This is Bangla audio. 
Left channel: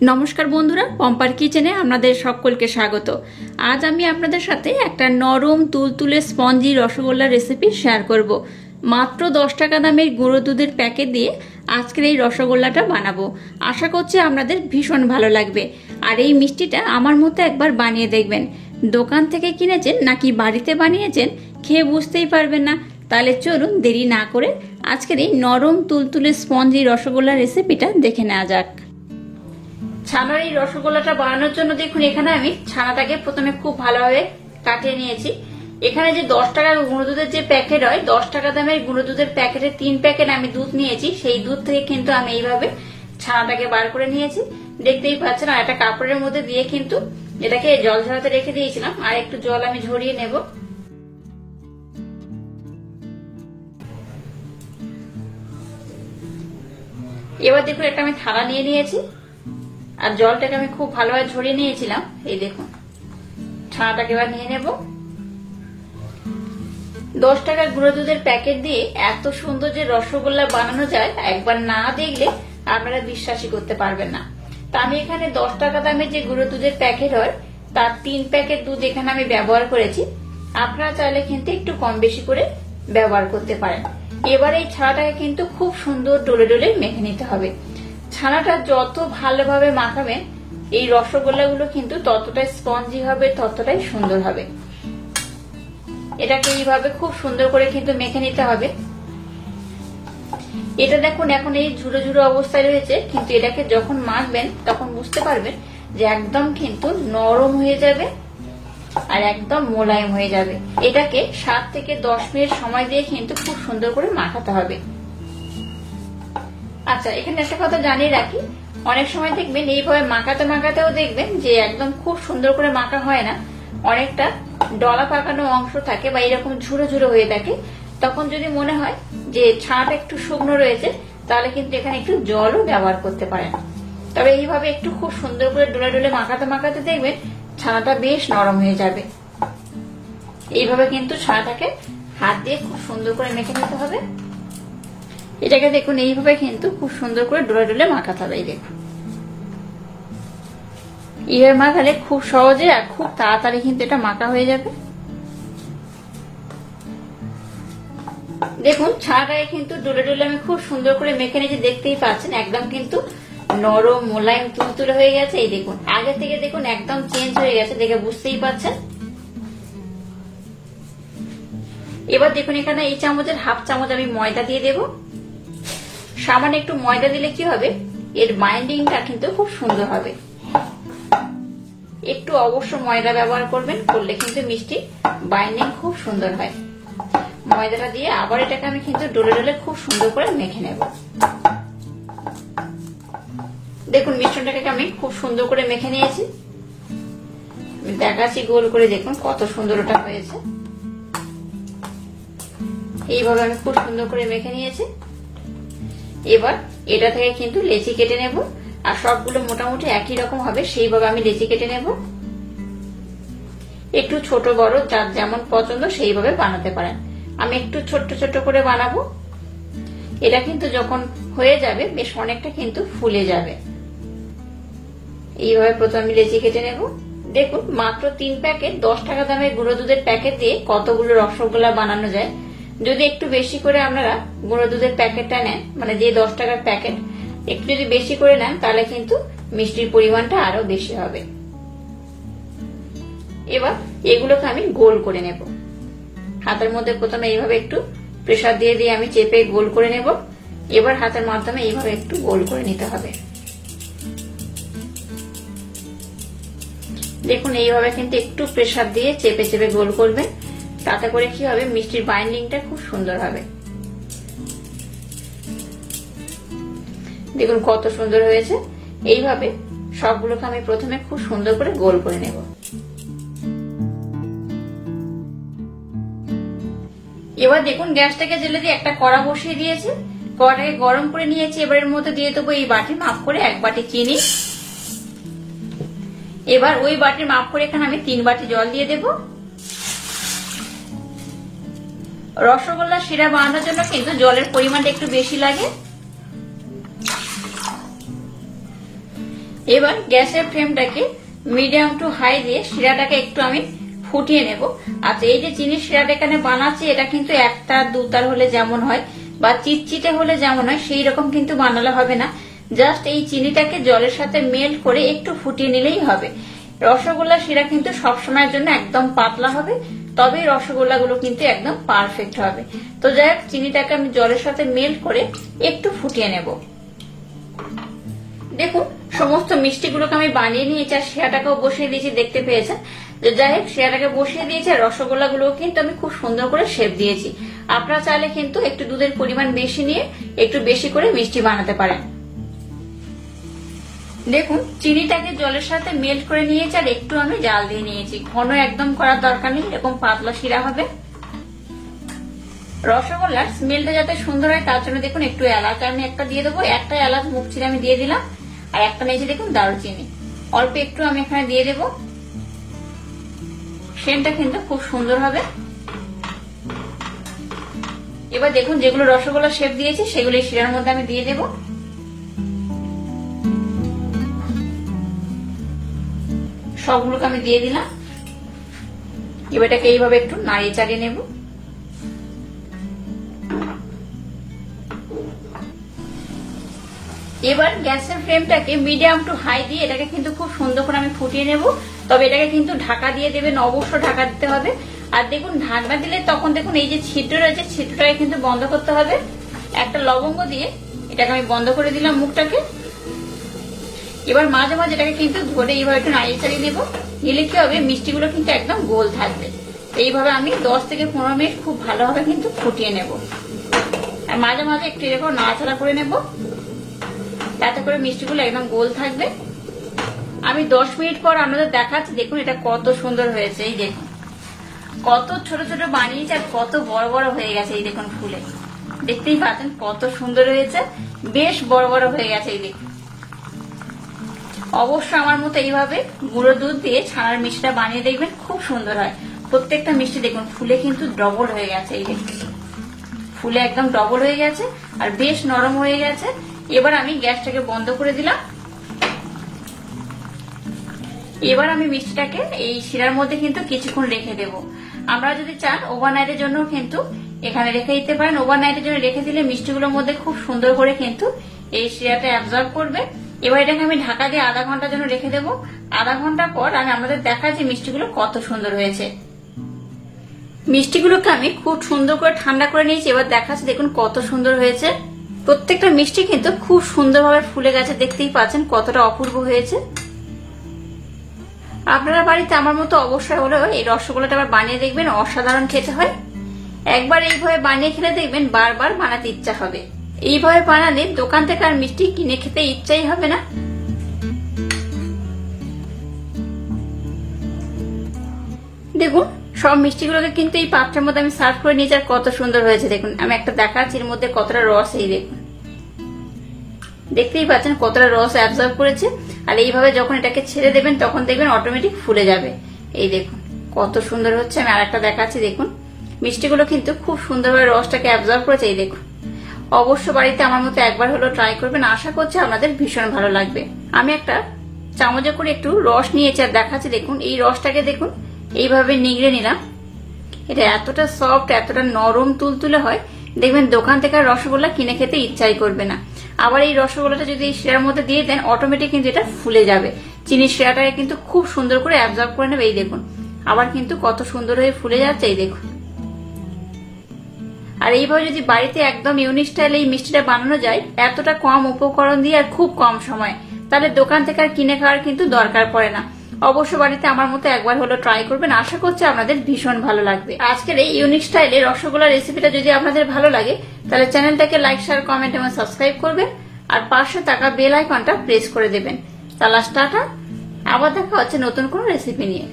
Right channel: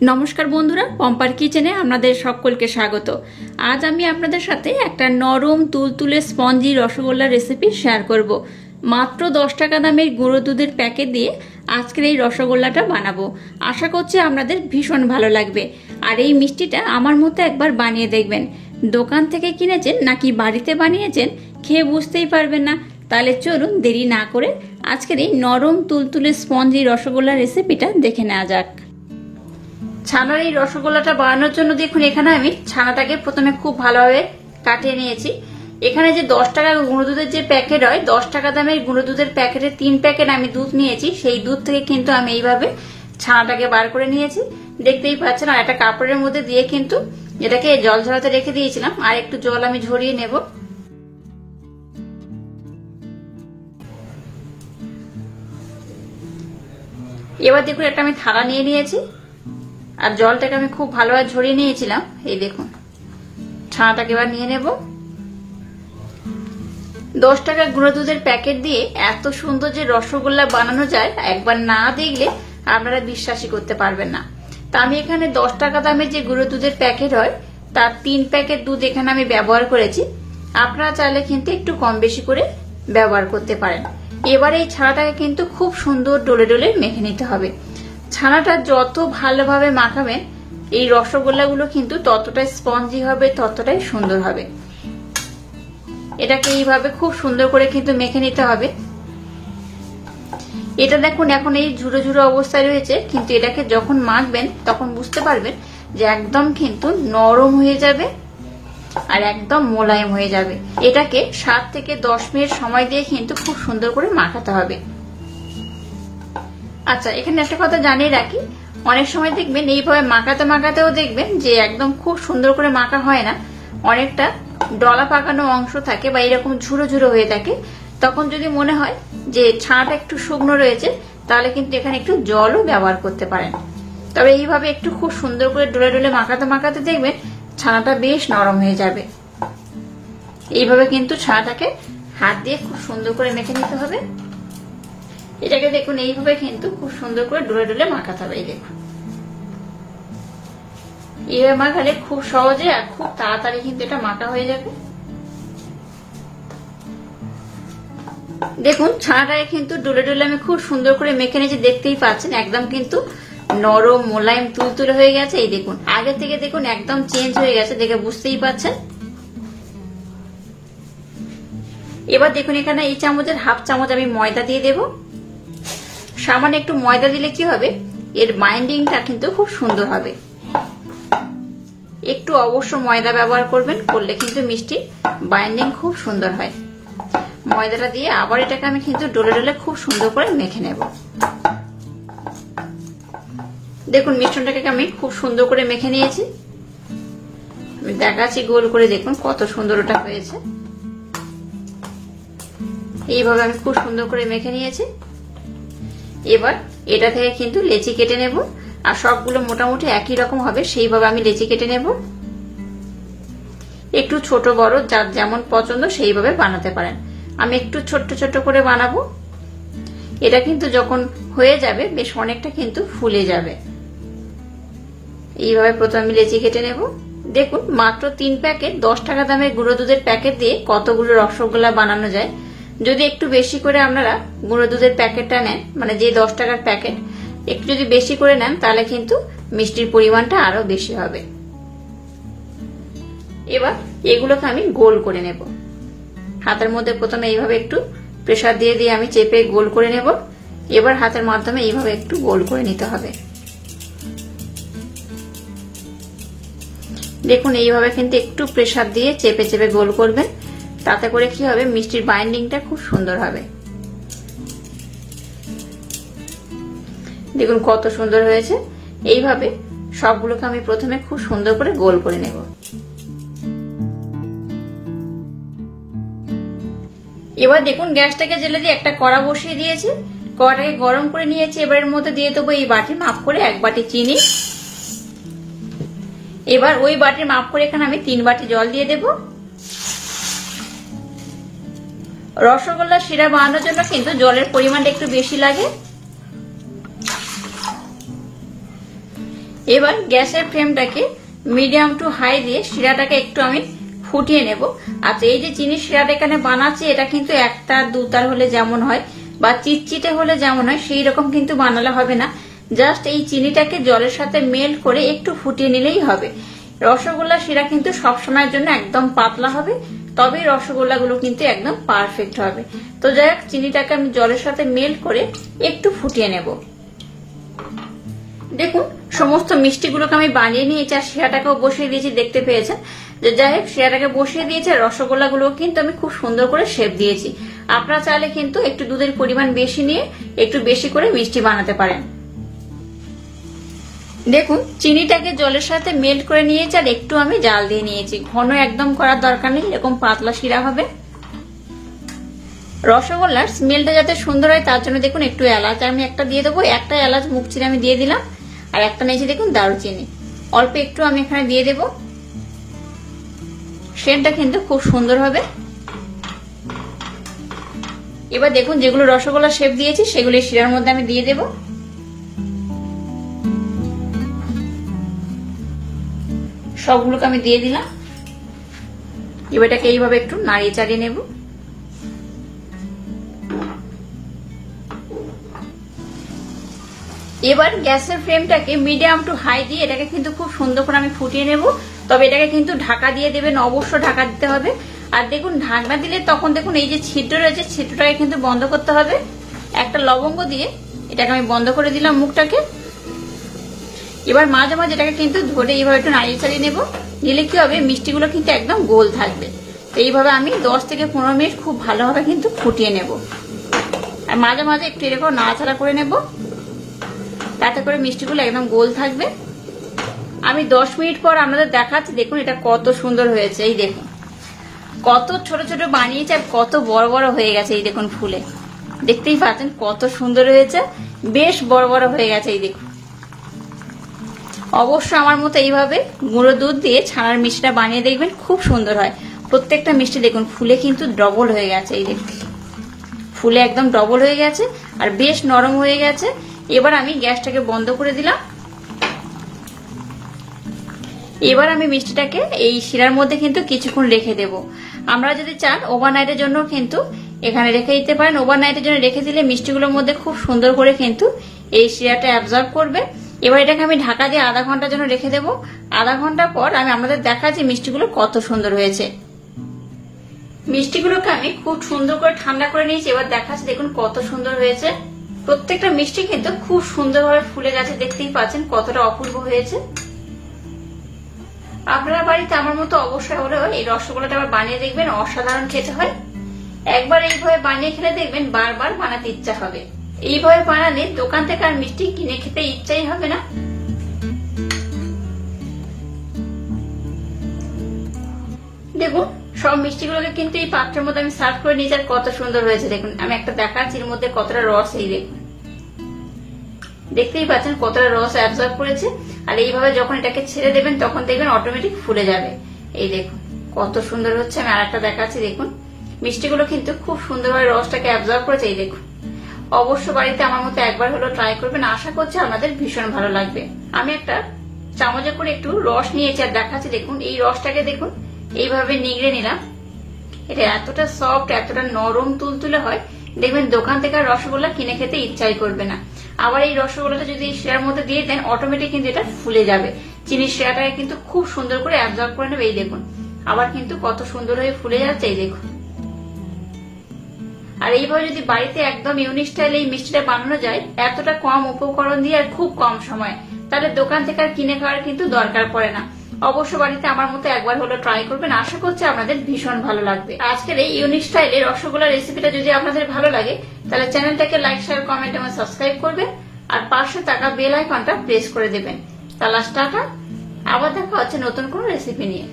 নমস্কার বন্ধুরা, পম্পার কিচেনে আপনাদের সকলকে স্বাগত। আজ আমি আপনাদের সাথে একটা নরম তুলতুলে স্পঞ্জি রসগোল্লার রেসিপি শেয়ার করব। মাত্র 10 টাকা দামের গুঁড়ো দুধের প্যাকেট দিয়ে আজকের এই রসগোল্লাটা বানাবো। আশা করছি আপনাদের ভীষণ ভালো লাগবে। আর এই মিষ্টিটা আমার মতো একবার বানিয়ে দেখবেন। দোকান থেকে কিনেছেন নাকি বাড়িতে বানিয়েছেন খেয়ে বুঝতেই পারবেন না। তাহলে চলুন দেরি না করে আজকের এই নরম তুলতুলে স্পঞ্জি রসগোল্লার রেসিপিটা দেখে নেওয়া যাক। ছানার এই রসগোল্লাটা বানানোর জন্য দেখুন এখানে আমি ছানাটাকে প্রথমে খুব ভালোভাবে কাটিয়ে নিয়েছি। এখানে যে 10 টাকার গুঁড়ো দুধের যে প্যাকেট হয়, 10 টাকা দামের গুঁড়ো দুধের প্যাকেটে 3 প্যাকেট আমি দুধ নিয়েছি। সেই দুধ থেকে কিন্তু আমি এইভাবে ছানাটাকে বার করে নিয়েছি, দেখতেই পাচ্ছেন। আর একটা কাপড়ের মধ্যে দিয়ে কিন্তু এটাকে জল ঝরাতে রেখে দিয়েছিলাম। আর একটু জল আমি ঝরিয়ে নেব। এবার দেখুন একটা আমি থালা নিয়ে নিয়েছি আর জলটাকে আমি খুব ভালোভাবে ঝরিয়ে নিয়েছিলাম। এই দেখুন ছানাটাকে এবার নিয়ে নেব। 10 টাকার গুঁড়ো দুধের প্যাকেট দিয়ে এত সুন্দর যে রসগোল্লা বানানো যায়, একবার না দেখলে আপনারা বিশ্বাসই করতে পারবেন না। তা আমি এখানে 10 টাকা দামের যে গুঁড়ো দুধের প্যাকেট হয় তার 3 প্যাকেট দুধ এখানে আমি ব্যবহার করেছি। আপনারা চাইলে কিন্তু একটু কম বেশি করে ব্যবহার করতে পারেন। এবার এই ছানাটাকে কিন্তু খুব সুন্দর ডলে ডলে মেখে নিতে হবে। ছানাটা যত ভালোভাবে মাখাবেন এই রসগোল্লাগুলো কিন্তু ততটাই স্পঞ্জি হবে, ততটাই সুন্দর হবে। এটাকে এইভাবে খুব সুন্দর করে কিন্তু মেখে নিতে হবে। এটা দেখুন এখন এই ঝুড়ো ঝুড়ো অবস্থায় রয়েছে, কিন্তু এটাকে যখন মাখবেন তখন বুঝতে পারবেন যে একদম কিন্তু নরম হয়ে যাবে আর একদম মোলায়েম হয়ে যাবে। এটাকে 7 থেকে 10 মিনিট সময় দিয়ে কিন্তু খুব সুন্দর করে মাখাতে হবে। আচ্ছা, এখানে একটা কথা জানিয়ে রাখি, অনেক সময় দেখবেন এইভাবে মাখাতে মাখাতেও দেখবেন যে একদম খুব সুন্দর করে মাখা হয় না, অনেকটা ডলা পাকানো অংশ থাকে বা এরকম ঝুড়ো ঝুড়ো হয়ে থাকে। তখন যদি মনে হয় যে ছানাটা একটু শুকনো রয়েছে তাহলে কিন্তু এখানে একটু জলও ব্যবহার করতে পারেন। তবে এইভাবে একটু খুব সুন্দর করে ডলে ডলে মাখাতে মাখাতে দেখবেন ছানাটা বেশ নরম হয়ে যাবে। এইভাবে কিন্তু ছানাটাকে হাত দিয়ে খুব সুন্দর করে মেখে নিতে হবে। এটাকে দেখুন এইভাবে কিন্তু খুব সুন্দর করে ডলে ডলে মাখাতে হবে। এই দেখুন এইভাবে মাখালে খুব সহজে আর খুব তাড়াতাড়ি কিন্তু এটা মাখা হয়ে যাবে। দেখুন ছানাটাকে কিন্তু ডলে ডলে আমি খুব সুন্দর করে মেখে নিয়েছি, দেখতেই পাচ্ছেন একদম কিন্তু নরম মোলায়েম তুলতুলে হয়ে গেছে। এই দেখুন আগে থেকে দেখুন একদম চেঞ্জ হয়ে গেছে, দেখে বুঝতেই পাচ্ছেন। এবার দেখুন এখানে এই চামচের হাফ চামচ আমি ময়দা দিয়ে দেব। সামান্য একটু ময়দা দিলে কি হবে, এর বাইন্ডিংটা কিন্তু খুব সুন্দর হবে। একটু অবশ্য ময়দা ব্যবহার করবেন, করলে কিন্তু মিষ্টির বাইন্ডিং খুব সুন্দর হয়। ময়দাটা দিয়ে আবার এটাকে আমি কিন্তু ডলে ডলে খুব সুন্দর করে মেখে নেব। দেখুন মিশ্রণটাকে আমি খুব সুন্দর করে মেখে নিয়েছি, দেখাচ্ছি গোল করে, দেখুন কত সুন্দর ওটা হয়েছে। এইভাবে আমি খুব সুন্দর করে মেখে নিয়েছি। এবার এটা থেকে কিন্তু লেচি কেটে নেব, আর সবগুলো মোটামুটি একই রকম হবে সেইভাবে আমি লেচি কেটে নেব। একটু ছোট বড় যার যেমন পছন্দ সেইভাবে বানাতে পারেন। আমি একটু ছোট্ট ছোট্ট করে বানাবো। এটা কিন্তু যখন হয়ে যাবে বেশ অনেকটা কিন্তু ফুলে যাবে। এইভাবে প্রথমে আমি লেচি কেটে নেব। দেখুন মাত্র 3 প্যাকেট 10 টাকা দামের গুঁড়ো দুধের প্যাকেট দিয়ে কতগুলো রসগোল্লা বানানো যায়। যদি একটু বেশি করে আপনারা গুঁড়ো দুধের প্যাকেটটা নেন, মানে যে 10 টাকার প্যাকেট, একটু যদি বেশি করে নেন তাহলে কিন্তু মিষ্টির পরিমাণটা আরো বেশি হবে। এবার এগুলোকে আমি গোল করে নেব। হাতের মধ্যে প্রথমে এইভাবে একটু প্রেসার দিয়ে দিয়ে আমি চেপে গোল করে নেব। এবার হাতের মাধ্যমে এইভাবে একটু গোল করে নিতে হবে। দেখুন এইভাবে কিন্তু একটু প্রেসার দিয়ে চেপে চেপে গোল করবেন, তাতে করে কি হবে মিষ্টির বাইন্ডিংটা খুব সুন্দর হবে। দেখুন কত সুন্দর হয়েছে। এইভাবে সবগুলোকে আমি প্রথমে খুব সুন্দর করে গোল করে নেব। এবার দেখুন গ্যাসটাকে জ্বেলে দিয়ে একটা কড়া বসিয়ে দিয়েছি, কড়াইয়ে গরম করে নিয়েছি। এবার এর মধ্যে দিয়ে দেবো এই বাটি মাপ করে 1 বাটি চিনি। এবার ওই বাটি মাপ করে এখানে আমি 3 বাটি জল দিয়ে দেব। রসগোল্লার শিরা বানানোর জন্য কিন্তু জলের পরিমাণটা একটু বেশি লাগে। এবার গ্যাসের ফ্লেমটাকে মিডিয়াম টু হাই দিয়ে শিরাটাকে একটু আমি ফুটিয়ে নেব। আচ্ছা, এই যে চিনি শিরাটা এখানে বানাচ্ছি এটা কিন্তু একটা দুতার হলে যেমন হয় বা চিটচিটে হলে যেমন হয় সেই রকম কিন্তু বানালে হবে না। জাস্ট এই চিনিটাকে জলের সাথে মেল্ট করে একটু ফুটিয়ে নিলেই হবে। রসগোল্লা শিরা কিন্তু সবসময়ের জন্য একদম পাতলা হবে, তবেই রসগোল্লাগুলো কিন্তু একদম পারফেক্ট হবে। তো যাই হোক, চিনিটাকে আমি জলের সাথে মেল্ট করে একটু ফুটিয়ে নেব। দেখুন সমস্ত মিষ্টিগুলোকে আমি বানিয়ে নিয়েছি আর শিরাটাকেও বসিয়ে দিয়েছি, দেখতে পেয়েছেন। যে যাই হোক, শিরাটাকে বসিয়ে দিয়েছি আর রসগোল্লাগুলো কিন্তু আমি খুব সুন্দর করে শেপ দিয়েছি। আপনারা চাইলে কিন্তু একটু দুধের পরিমাণ বেশি নিয়ে একটু বেশি করে মিষ্টি বানাতে পারেন। দেখুন চিনিটাকে জলের সাথে মেল্ট করে নিয়েছি আর একটু আমি জাল দিয়ে নিয়েছি। ঘন একদম করার দরকার নেই, এরকম পাতলা শিরা হবে। রসগোল্লার স্মেলটা যাতে সুন্দর হয় তার জন্য দেখুন একটু এলাচ আমি একটা দিয়ে দেবো। একটা এলাচ মুখ চিরে আমি দিয়ে দিলাম আর একটা নিয়েছি দেখুন দারুচিনি, অল্প একটু আমি এখানে দিয়ে দেব। সেন্টটা কিন্তু খুব সুন্দর হবে। এবার দেখুন যেগুলো রসগোল্লা শেপ দিয়েছি সেগুলো শিরার মধ্যে আমি দিয়ে দেব। সবগুলোকে আমি দিয়ে দিলাম। এবার এটাকে এইভাবে একটু নাড়িয়ে চাড়িয়ে নেব। এবার গ্যাসের ফ্লেমটাকে মিডিয়াম টু হাই দিয়ে এটাকে কিন্তু খুব সুন্দর করে আমি ফুটিয়ে নেব। তবে এটাকে কিন্তু ঢাকা দিয়ে দেবেন, অবশ্যই ঢাকা দিতে হবে। আর দেখুন ঢাকনা দিলে তখন দেখুন এই যে ছিদ্র রয়েছে ছিদ্রটাকে কিন্তু বন্ধ করতে হবে। একটা লবঙ্গ দিয়ে এটাকে আমি বন্ধ করে দিলাম মুখটাকে। এবার মাঝে মাঝে এটাকে কিন্তু ধরে এইভাবে একটু নাড়িয়ে চাড়িয়ে নেবো। নিলে কি হবে, মিষ্টিগুলো কিন্তু একদম গোল থাকবে। এইভাবে আমি 10 থেকে 15 মিনিট খুব ভালোভাবে কিন্তু ফুটিয়ে নেব। আর মাঝে মাঝে একটু এরকম নাড়াচাড়া করে নেব, তাতে করে মিষ্টিগুলো একদম গোল থাকবে। আমি 10 মিনিট পর আপনাদের দেখাচ্ছি। দেখুন এটা কত সুন্দর হয়েছে। এই দেখুন কত ছোট ছোট বানিয়েছে আর কত বড় বড় হয়ে গেছে। এই দেখুন ফুলে, দেখতেই পাচ্ছেন কত সুন্দর হয়েছে, বেশ বড় বড় হয়ে গেছে। এই দেখুন অবশ্য আমার মতো এইভাবে গুঁড়ো দুধ দিয়ে ছানার মিষ্টিটা বানিয়ে দেখবেন, খুব সুন্দর হয়। প্রত্যেকটা মিষ্টি দেখুন ফুলে কিন্তু ডবল হয়ে গেছে। এই দেখুন ফুলে একদম ডবল হয়ে গেছে আর বেশ নরম হয়ে গেছে। এবার আমি গ্যাসটাকে বন্ধ করে দিলাম। এবার আমি মিষ্টিটাকে এই শিরার মধ্যে কিন্তু কিছুক্ষণ রেখে দেব। আমরা যদি চান ওভারনাইটের জন্য কিন্তু এখানে রেখে দিতে পারেন। ওভারনাইটের জন্য রেখে দিলে মিষ্টিগুলোর মধ্যে খুব সুন্দর করে কিন্তু এই শিরাটা অ্যাবজর্ব করবে। এবার এটাকে আমি ঢাকা দিয়ে আধা ঘন্টার জন্য রেখে দেবো। আধা ঘন্টা পর আমি আমাদের দেখাচ্ছি মিষ্টিগুলো কত সুন্দর হয়েছে। মিষ্টিগুলোকে আমি খুব সুন্দর করে ঠান্ডা করে নিয়েছি। এবার দেখাচ্ছি দেখুন কত সুন্দর হয়েছে। প্রত্যেকটা মিষ্টি কিন্তু খুব সুন্দরভাবে ফুলে গেছে, দেখতেই পাচ্ছেন কতটা অপূর্ব হয়েছে। আপনারা বাড়িতে আমার মতো অবশ্যই হলো এই রসগোল্লাটা আবার বানিয়ে দেখবেন, অসাধারণ খেতে হয়। একবার এইভাবে বানিয়ে খেলে দেখবেন বারবার বানাতে ইচ্ছা হবে। এইভাবে বানালে দোকান থেকে আর মিষ্টি কিনে খেতে ইচ্ছাই হবে না। দেখুন সব মিষ্টিগুলোকে কিন্তু এই পাত্রের মধ্যে আমি সার্ভ করে নিয়েছি আর কত সুন্দর হয়েছে। দেখুন আমি একটা দেখাচ্ছি এর মধ্যে কতটা রস। এই দেখুন দেখতেই পাচ্ছেন কতটা রস অ্যাবজর্ব করেছে। আর এইভাবে যখন এটাকে ছেড়ে দেবেন তখন দেখবেন অটোমেটিক ফুলে যাবে। এই দেখুন কত সুন্দর হচ্ছে। আমি আরেকটা দেখাচ্ছি। দেখুন মিষ্টিগুলো কিন্তু খুব সুন্দরভাবে রসটাকে অ্যাবজর্ব করেছে। এই দেখুন অবশ্য বাড়িতে আমার মতো একবার হলো ট্রাই করবেন, আশা করছি আপনাদের ভীষণ ভালো লাগবে। আমি একটা চামচে করে একটু রস নিয়েছি আর দেখাচ্ছি। দেখুন এই রসটাকে দেখুন এইভাবে নিগড়ে নিলাম। এটা এতটা সফট, এতটা নরম তুলতুলে হয়, দেখবেন দোকান থেকে রসগোল্লা কিনে খেতে ইচ্ছাই করবে না। আবার এই রসগোল্লাটা যদি এই শিরার মধ্যে দিয়ে দেন অটোমেটিক কিন্তু এটা ফুলে যাবে। চিনির শিরাটাকে কিন্তু খুব সুন্দর করে অ্যাবজর্ব করে নেবে। এই দেখুন আবার কিন্তু কত সুন্দর হয়ে ফুলে যাচ্ছে। এই দেখুন আর এইভাবে যদি বাড়িতে একদম ইউনিক স্টাইলে এই মিষ্টিটা বানানো যায় এতটা কম উপকরণ দিয়ে আর খুব কম সময়, তাহলে দোকান থেকে আর কিনে খাওয়ার কিন্তু দরকার পড়ে না। অবশ্য বাড়িতে আমার মতো একবার হলো ট্রাই করবেন, আশা করছি আপনাদের ভীষণ ভালো লাগবে। আজকের এই ইউনিক স্টাইলে রসগোল্লা রেসিপিটা যদি আপনাদের ভালো লাগে তাহলে চ্যানেলটাকে লাইক, শেয়ার, কমেন্ট এবং সাবস্ক্রাইব করবেন আর পাশে থাকা বেল আইকনটা প্রেস করে দেবেন। তাহলে টাটা, আবার দেখা হচ্ছে নতুন কোনো রেসিপি নিয়ে।